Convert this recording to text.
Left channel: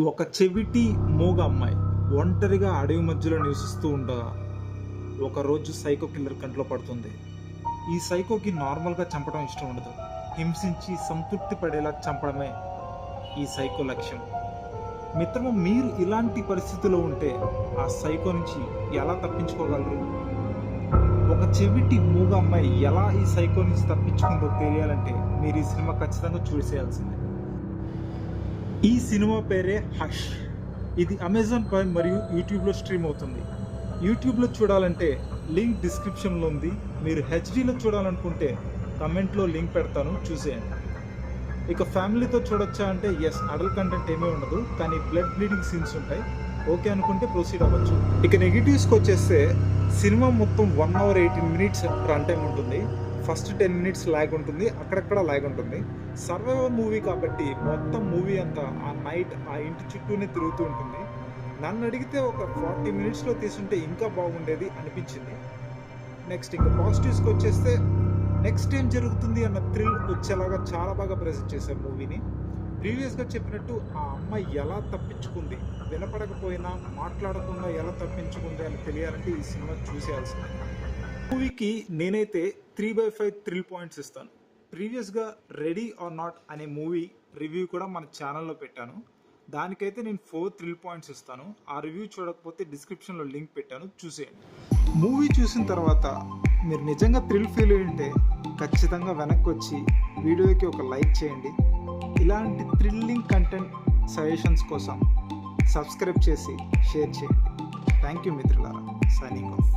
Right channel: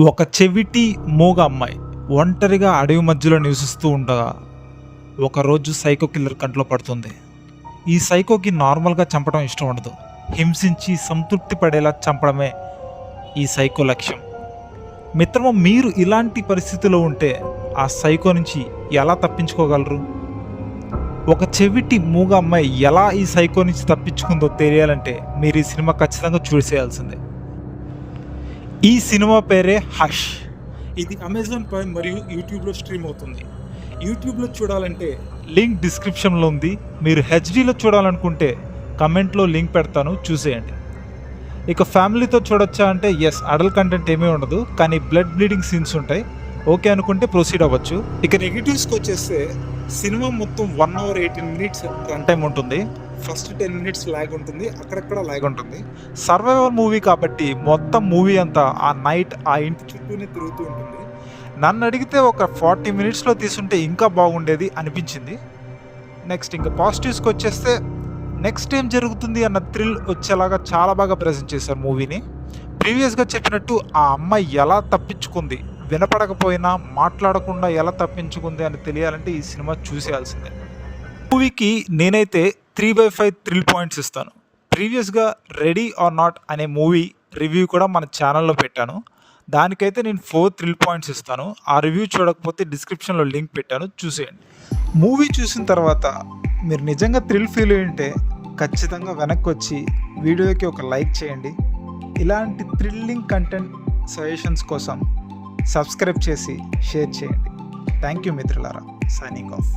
ఒక చెవిటి మూగ అమ్మాయి ఒంటరిగా అడవి మధ్యలో నివసిస్తూ ఉండగా ఒకరోజు సైకో కిల్లర్ కంట్లో పడుతుంది. ఈ సైకోకి నార్మల్గా చంపడం ఇష్టం ఉండదు. హింసించి సంతృప్తి పడేలా చంపడమే ఈ సైకో లక్ష్యం. మిత్రమా, మీరు ఇలాంటి పరిస్థితిలో ఉంటే ఆ సైకో నుంచి ఎలా తప్పించుకోగలరు? ఒక చెవిటి మూగ అమ్మాయి ఎలా ఈ సైకో నుంచి తప్పించుకుందో తెలియాలంటే మీరు ఈ సినిమా ఖచ్చితంగా చూసేయాల్సిందే. ఈ సినిమా పేరే హష్. ఇది అమెజాన్ ప్రైమ్ మరియు యూట్యూబ్లో స్ట్రీమ్ అవుతుంది. యూట్యూబ్లో చూడాలంటే లింక్ డిస్క్రిప్షన్లో ఉంది. మీరు హెచ్డీలో చూడాలనుకుంటే కమెంట్లో లింక్ పెడతాను, చూసేయండి. ఇక ఫ్యామిలీతో చూడొచ్చా అంటే ఎస్, అడల్ట్ కంటెంట్ ఏమీ ఉండదు, కానీ బ్లడ్ బ్లీడింగ్ సీన్స్ ఉంటాయి. ఓకే అనుకుంటే ప్రొసీడ్ అవ్వచ్చు. ఇక నెగిటివ్స్కి వచ్చేస్తే సినిమా మొత్తం 1 hour 18 minutes రన్ టైం ఉంటుంది. ఫస్ట్ 10 minutes ల్యాగ్ ఉంటుంది, అక్కడక్కడ ల్యాగ్ ఉంటుంది. సర్వైవల్ మూవీ కాబట్టి మొత్తం మూవీ అంతా ఆ నైట్ ఆ ఇంటి చుట్టూనే తిరుగుతూ ఉంటుంది. నన్ను అడిగితే ఒక 40 minutesలో తీసుంటే ఇంకా బాగుండేది అనిపించింది. నెక్స్ట్ ఇంకా పాజిటివ్స్కి వచ్చేస్తే నెక్స్ట్ ఏం జరుగుతుంది అన్న థ్రిల్ వచ్చేలాగా చాలా బాగా ప్రజెంట్ చేశారు మూవీని. ప్రీవియస్గా చెప్పినట్టు ఆ అమ్మాయి ఎలా తప్పించుకుంది, వినపడకపోయినా మాట్లాడకుండా ఎలా తప్పించుకుంది అని తెలియాలంటే ఈ సినిమా చూసేయాల్సిందే. మూవీకి నేనైతే 3/5 థ్రిల్ పాయింట్స్ ఇస్తాను. ప్రీవియస్గా రెడీ ఆర్ నాట్ అనే మూవీ రివ్యూ కూడా మన ఛానల్లో పెట్టాను. దానికైతే నేను 4 థ్రిల్ పాయింట్స్ ఇస్తాను. ఆ రివ్యూ చూడకపోతే డిస్క్రిప్షన్లో లింక్ పెట్టాను, చూసేయండి. మూవీ చూసిన తర్వాత మీరు నిజంగా థ్రిల్ ఫీల్ అయ్యి ఉంటే ఖచ్చితంగా వెనక్కి వచ్చి వీడియోకి ఒక లైక్ చేయండి. ఇలాంటి థ్రిల్లింగ్ కంటెంట్ సజెషన్స్ కోసం సబ్స్క్రైబ్ చేసి షేర్ చేయండి. థ్యాంక్ యూ మిత్రులారా. Signing off.